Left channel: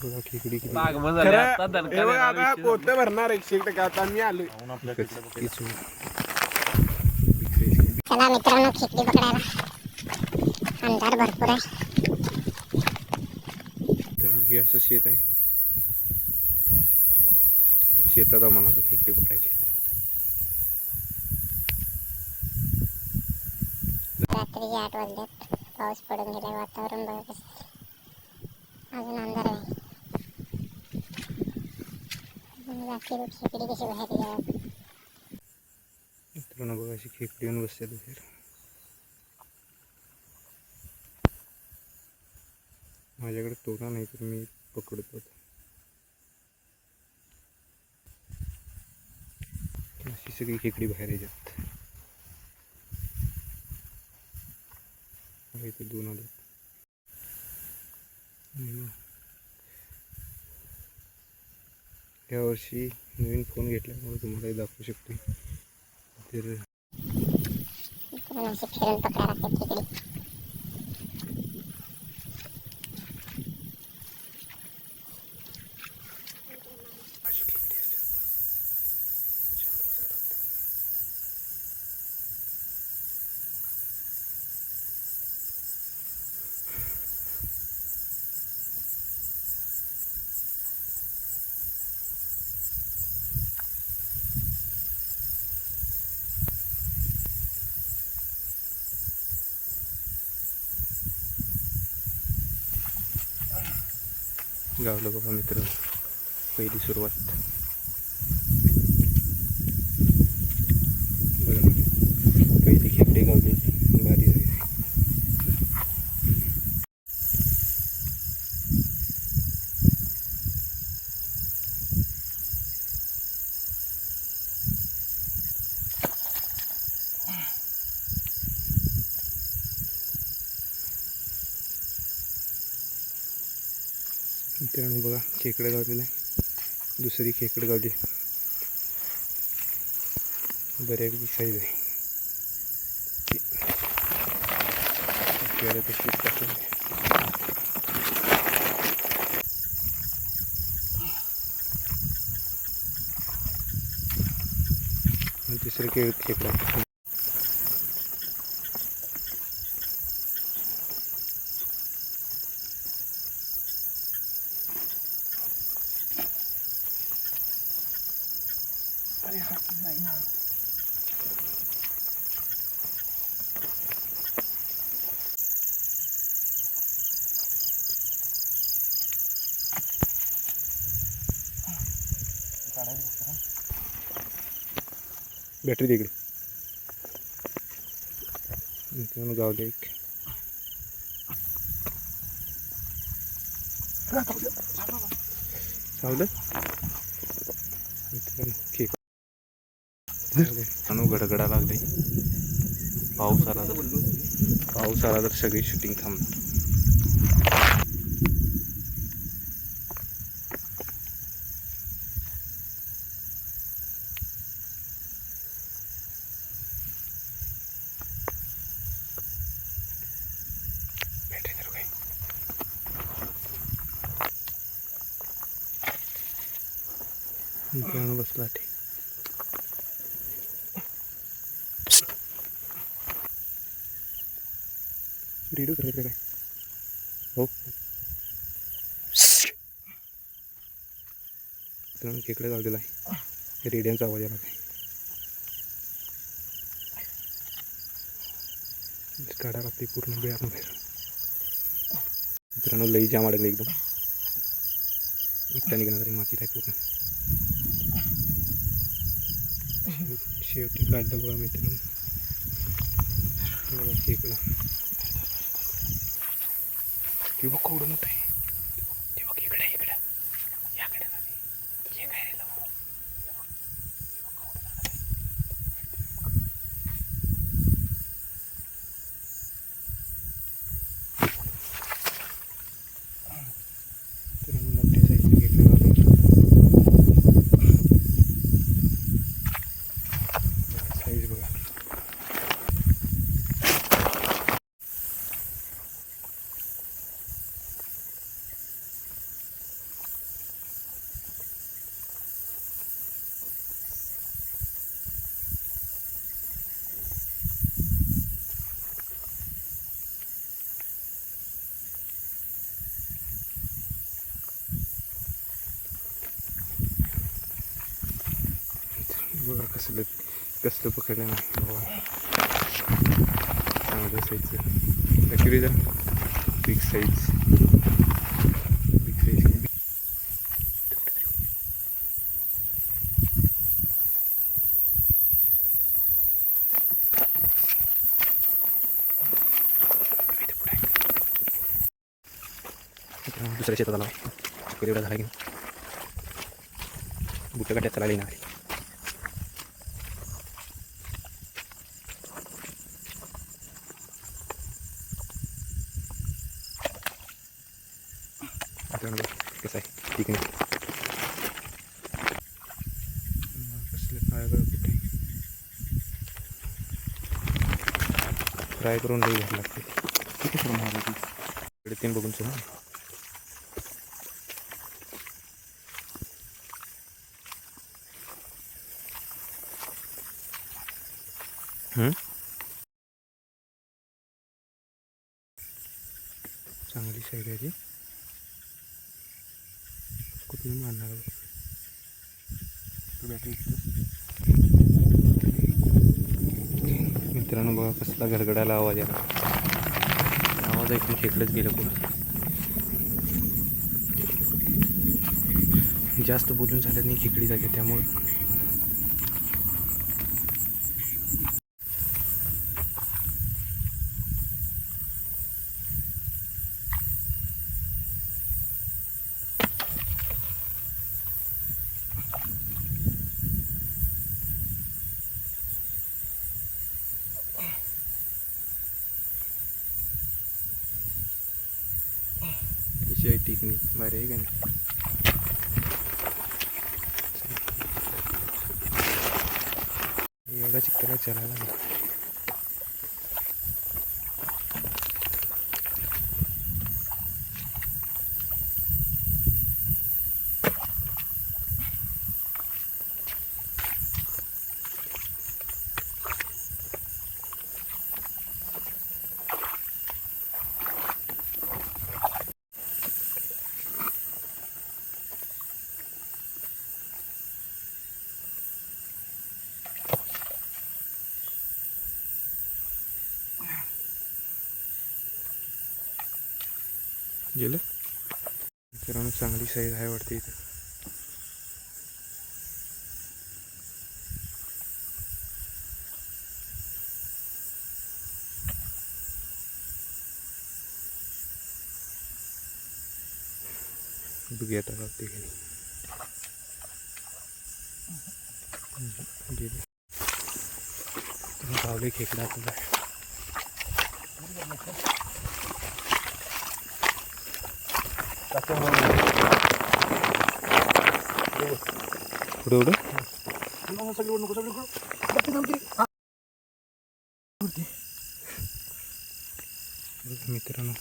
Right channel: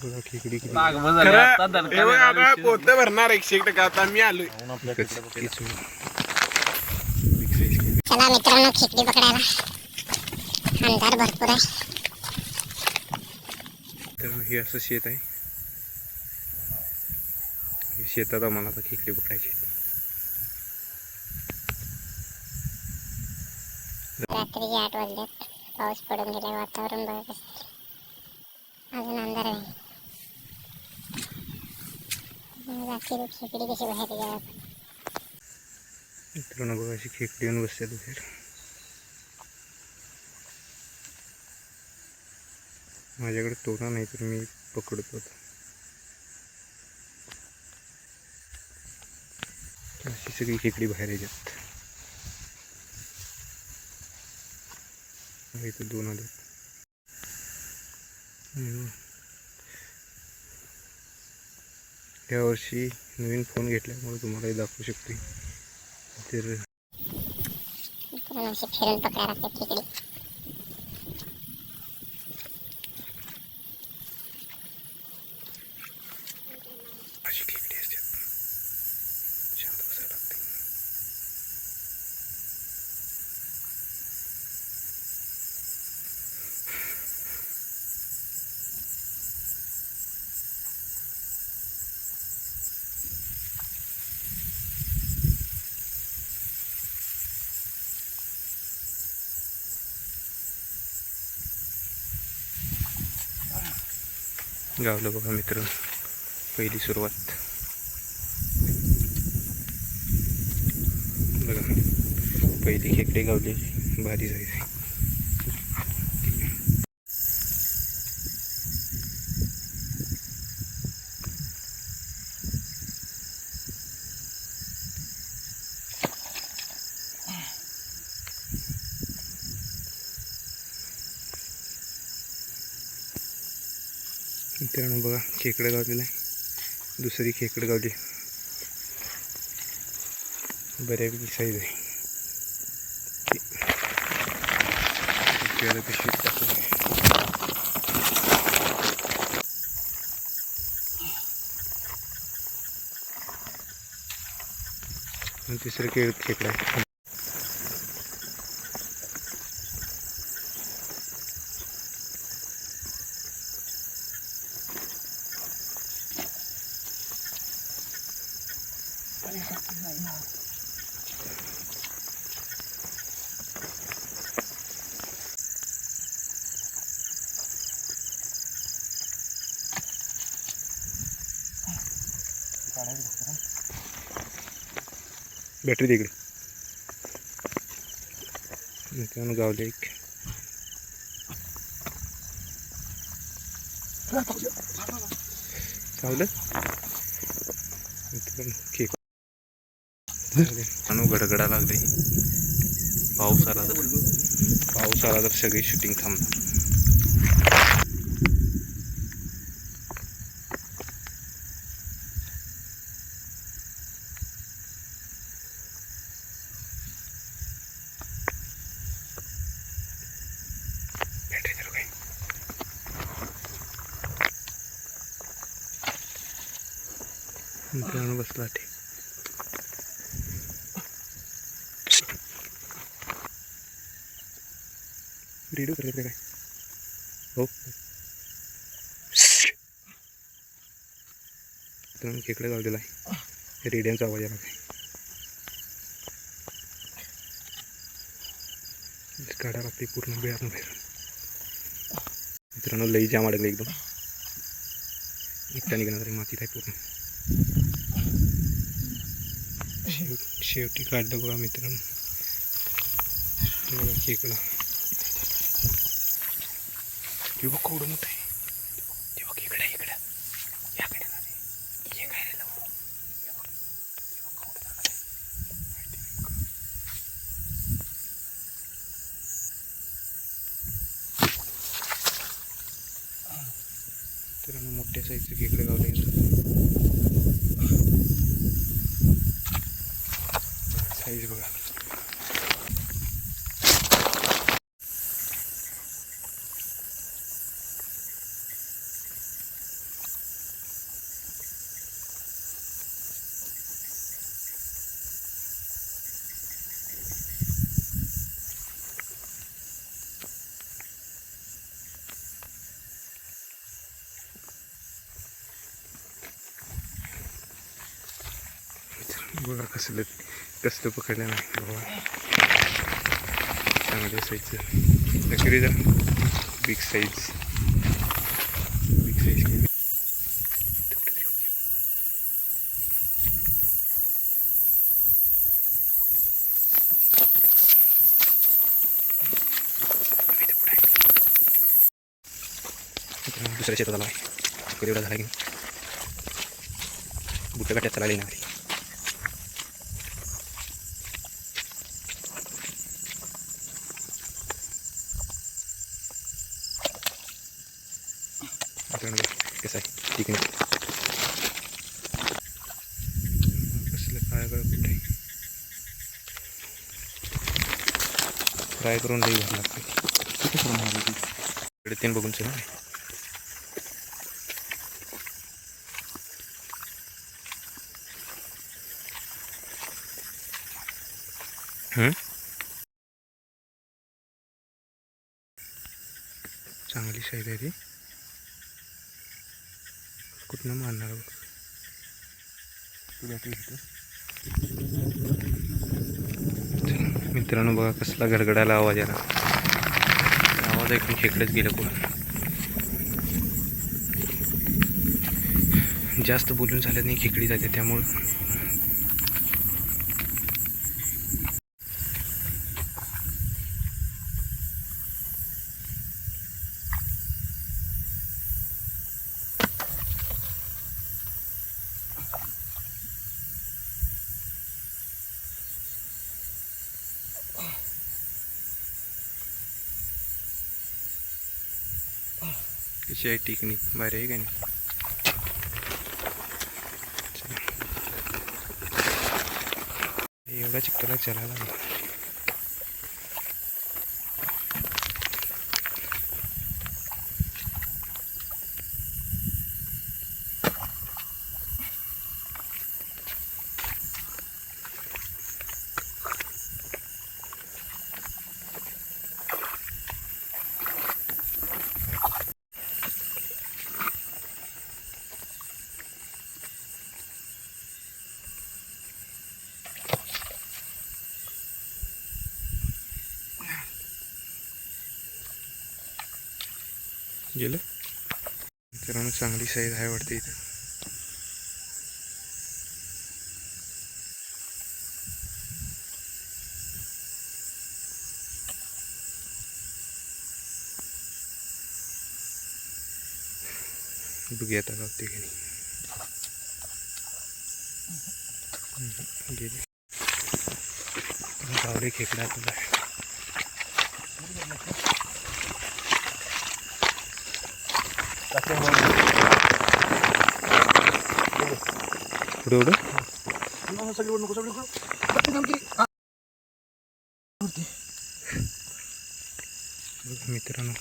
बघा खेकडी किती पोत भरणार 100% आता मी आलोय. चला मित्रांनो खेकडी पकडायला अंधार भरपूर आहे. तर हे असं शेत आहे. शेतात आम्हाला आता खेकडी पकडायची. रात्रीचे 8 वाजल्यात. पाऊस पडून गेला. वातावरण बघा कसं अजून अंधार आहे. रात्री खेकडी कशी बाहेर येतात. मित्रांनो बघा अशी खेकडी येऊन बसतात बाहेर. माझ्याकडे तोडा नाही तर मी पकडतो. अशी सगळी खेकडी बाहेर येतात. इथं 2 आले. यावर्षी नवीन फोन घेतल्यामुळे तुम्हालाही दाखवू शकते. तर अशी फिरून पकडायला लागते खेकडी. अशी खेकडी असतात. शांत बसायला लागते. गावलं बघा मित्र, पहिली सुरुवात. बघा पहिली खेकडे गावली. भारी साईज आहे. मित्रांनो बघा खेकडं गावलेलं आहे. दुसरी खेकडं गावली. बऱ्यापैकी साईज आहे. आपल्याला कशी टाकून तिसरं खेकडं आहे. बॅटरी तिकडे मित्रांनो गावले एक. चावलं मित्रांनो खेक. गडगडा लागले. पाऊस आला तर सगळी शूटिंग थांबणार. मित्रांनो बसला ते. रेडिओ करायचं काय हो. मित्रांनो खेकडं गावलेला आहे. रेडिओचा आवाज आला काय. काढा लागते पूर्ण बिळातून बाहेर. मित्रांनो लई जाम अडकलं एकदम. एकटा निघणार तरी मातीत आहे पूर्ण. शेवटी काढलं बघा मित्रांनो. बघा खेकडा तेव्हा केवढं मोठं आहे. तेव्हा खेकडा इकडं याकडे हे काय रे लावून. मित्रांनो मोठ्या साईजचे खेकडे गावले. साईज बघा. बघा कसलं कसलं पकडलं नाही बाबा. चांगल्या साईजचं नक्की जरा बिग साईज केली. दुसऱ्या शेतात आला कधी एवढा झाला की बुट्या गाठ्यात चालला ना. कसं आहे ठीक नाही कसलं काय कुठे फ्राय करून लई घ्यायला लागते. किती करून हवं इकडे 3 बघून ना. चांगली साईज आहे ती. कुठनं मारणार मित्रांनो बघा कसला गडगडाला आवाज आला. आवाज ऐकून खेकडेच गेलं कोण. जास्त बोलून चालत नाही खेकडी जाते त्यामुळं. कशी आहे टेक्निक भारी आहे का नाही. एवढा चिकटला चलायला लागला. गेलं मित्रांनो चांगली साईज आहे वाटते इथं. बघूया आता गावते की नाही. गेली गावडे खेकडा तुला. पुढे मित्रांनो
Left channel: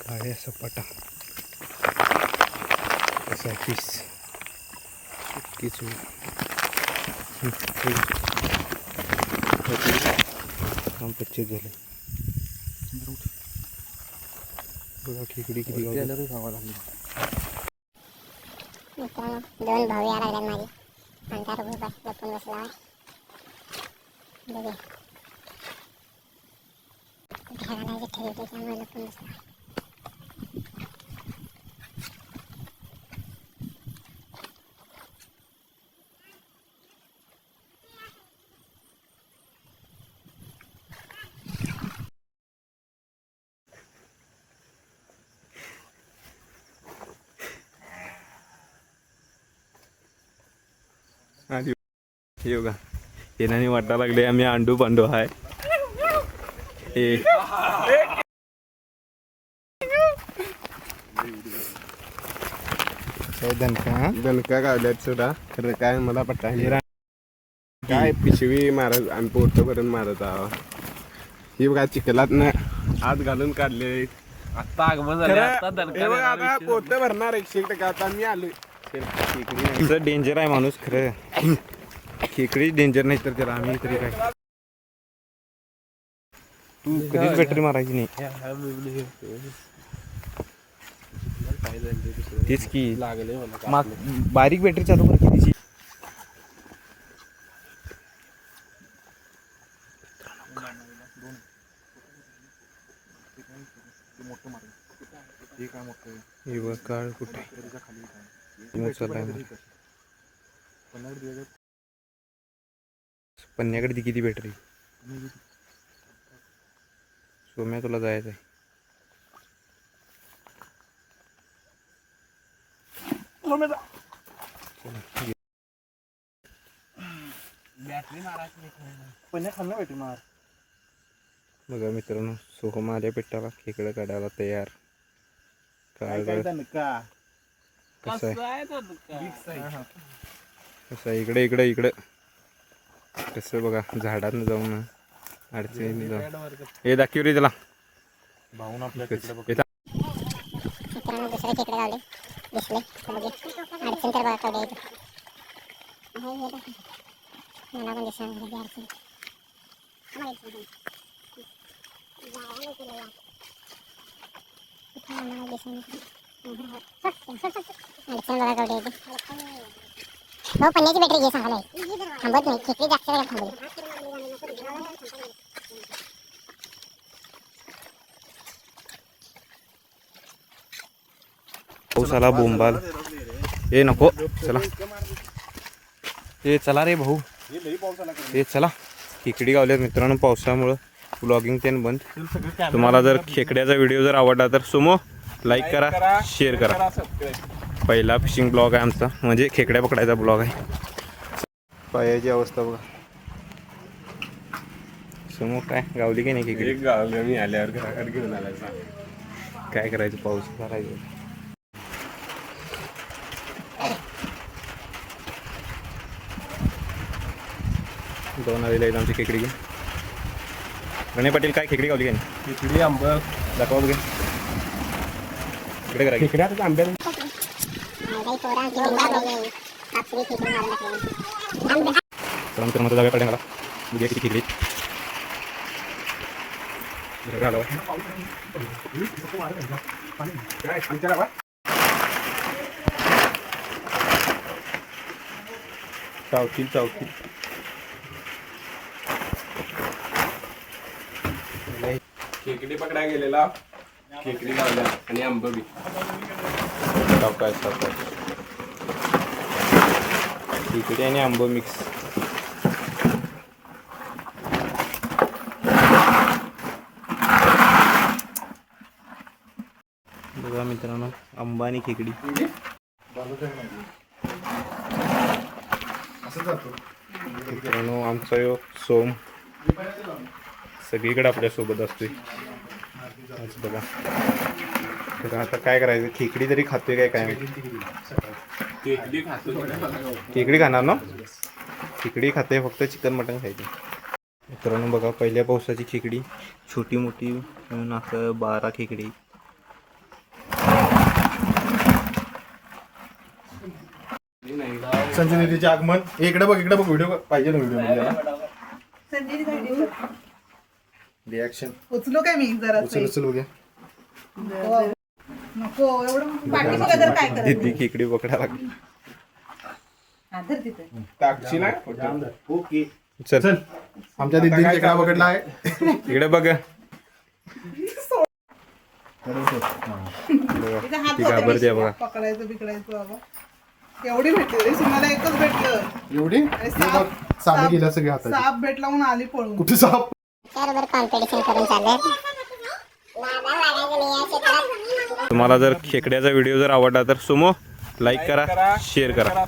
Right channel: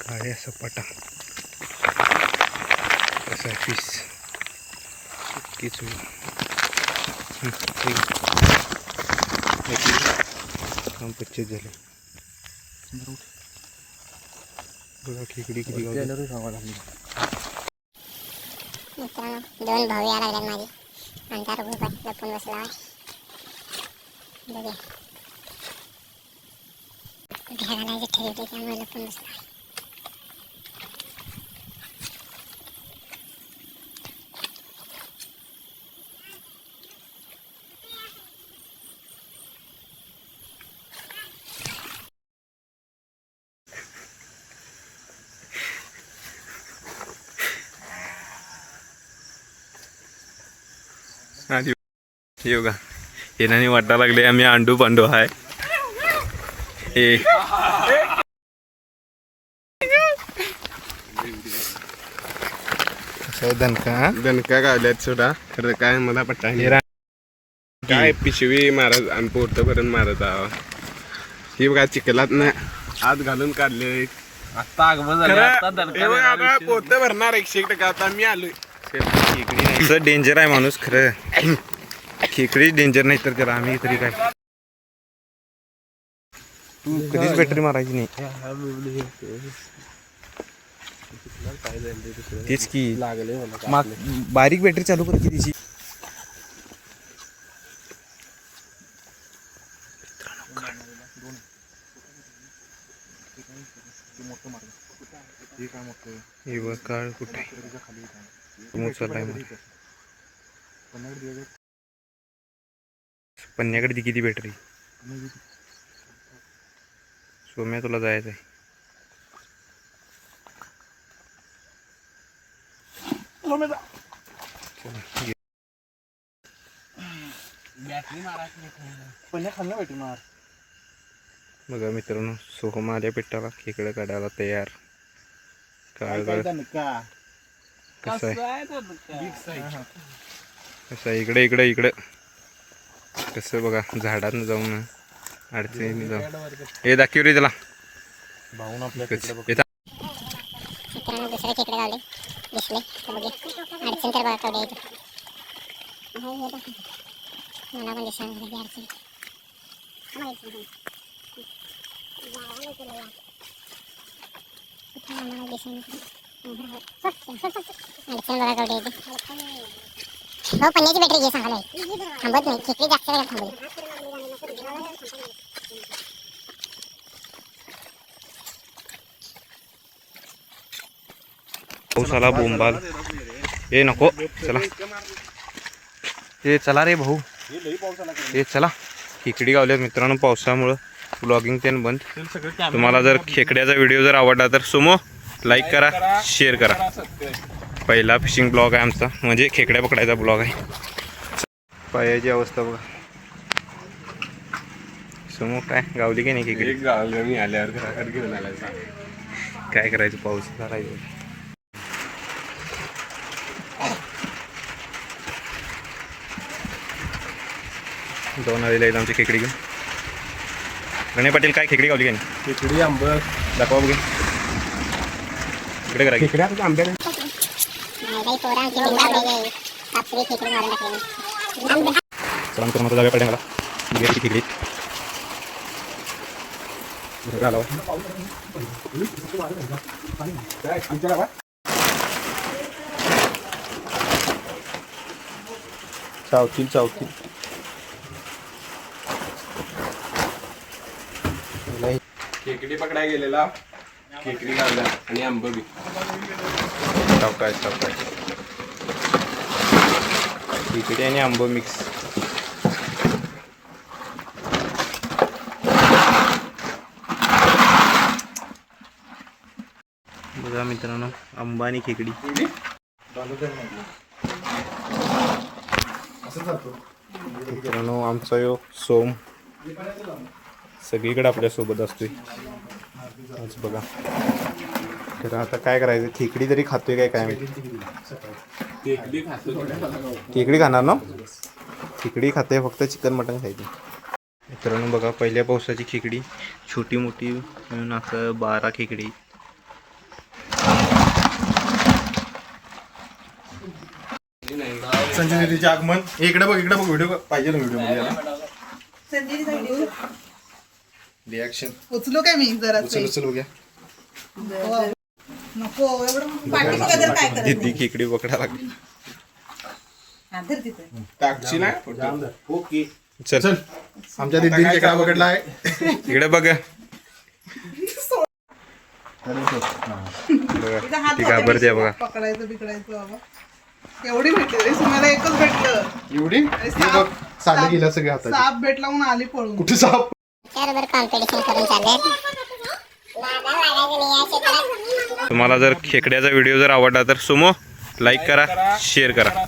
काळ्या सपाटा असा पीस काम 25 झाले. बघा खेकडी किती मित्रांनो 2 भाऊ या लागल्यात माझे. अंधार उभा लपून बसला आहे. बघा कुठे घालायचं ठेवते त्यामुळे लपून बसला आहे. योगा येणाने वाटायला लागले आम्ही अंडू पांडू आहे. दणका गावल्यात सोडा खरं काय मला पट्टा काय पिशवी मारत आणि पोटपर्यंत मारत आहो. ही बघा चिखलात ना आत घालून काढले. आता पोत भरणार 100% आता मी आलोय. खेकडी डेंजर आहे माणूस खरं. खेकडी डेंजर नाही तर त्याला आम्ही तरी काय. तू कधीच बॅटरी मारायची नाही. तेच की बारीक बॅटरी चालू कर की तिची. हे बघ काळ कुठे उचललाय मला. पन्न्याकडे ती किती बॅटरी. सोम्या तुला जायचं आहे. बघा मित्रांनो, सोहम आल्या पिठाला खेकडं काढायला तयार. काळ कसं आहे कसं आहे, इकडे इकडे इकडं कसं बघा, झाडात जाऊन अडचणी जाऊन हे दाखव रे त्याला. मित्रांनो दुसरे खेकडे गावले दिसले तर बघे अडचण तर बघा केवढे येतो. मला पण दिसणार नाही अडचण. अडचण बघा केवढे येते. हो पन्न्याची बॅटरी घे सांगायला थांबत नाही. खेकडी जास्त वेळ थांबली. पाऊस आला बोंबाल. ए नको चला, ए चला रे भाऊ, ए चला. खेकडी गावल्यात मित्रांनो पावसामुळं. ब्लॉगिंग त्यानं बंद. तुम्हाला जर खेकड्याचा व्हिडिओ जर आवडला तर सुमो लाईक करा, शेअर करा. पहिला फिशिंग ब्लॉग आहे आमचा, म्हणजे खेकड्या पकडायचा ब्लॉग आहे. पायाची अवस्था बघा. सुमो काय गावली की नाही खेकडी. एक गावलं मी आल्यावर घराकडे घेऊन आला. काय करायचं, पाऊस करायचं. दोन आलेले आहेत आमची खेकडी घेऊन. गणे पाटील काय खेकडी गावली काय नाही. खेकडी आंबा दाखवा बघू. इकडे करा की. खेकड्या आंब्या चला मित्रांनो जागा पडेल मला. घे किती खेकडी घालावं. चावतील चावतील. खेकडी पकडाय गेलेला, खेकडी गावल्या आणि आंब बी. सावकाश सावकाश. खेकडी आणि आंबो मिक्स. बघा मित्रांनो, आंबा आणि खेकडी. मित्रांनो आमचा यो सोम सगळीकडे आपल्यासोबत असतोय. आज बघा तर आता काय करायचं. खेकडी तरी खातोय काय काय माहिती. खेकडी खाणार ना. खेकडी खाते, फक्त चिकन मटन खायचे. मित्रांनो बघा पहिल्या पावसाची खेकडी छोटी मोठी मिळून असं 12 खेकडी. संजय नदीचे आगमन. इकडे बघ व्हिडिओ पाहिजे ना. व्हिडिओ रिॲक्शन उचलो काय मी जरा उचल बघ्या. नको एवढं पाठी जर काय करायचं. दिदी खेकडी पकडा लागली. आधर तिथे टाकची ना. ओके चल चल आमच्या दिदीने काय पकडला आहे. इकडे बघ. तिचा हात ती घाबरते बघा. पकडायचं बिकडायचं बाबा. एवढी भेटली रे मला एकच भेटलं. एवढी आणि हे बघ, साधं गेलं सगळे हातात. साप भेटला म्हणून आली पळून. कुठे साप. त्याबरोबर कॉम्पिटिशन करून चाललंय. तुम्हाला जर खेकड्याचा व्हिडिओ जर आवडला तर सुमो लाईक करा, शेअर करा.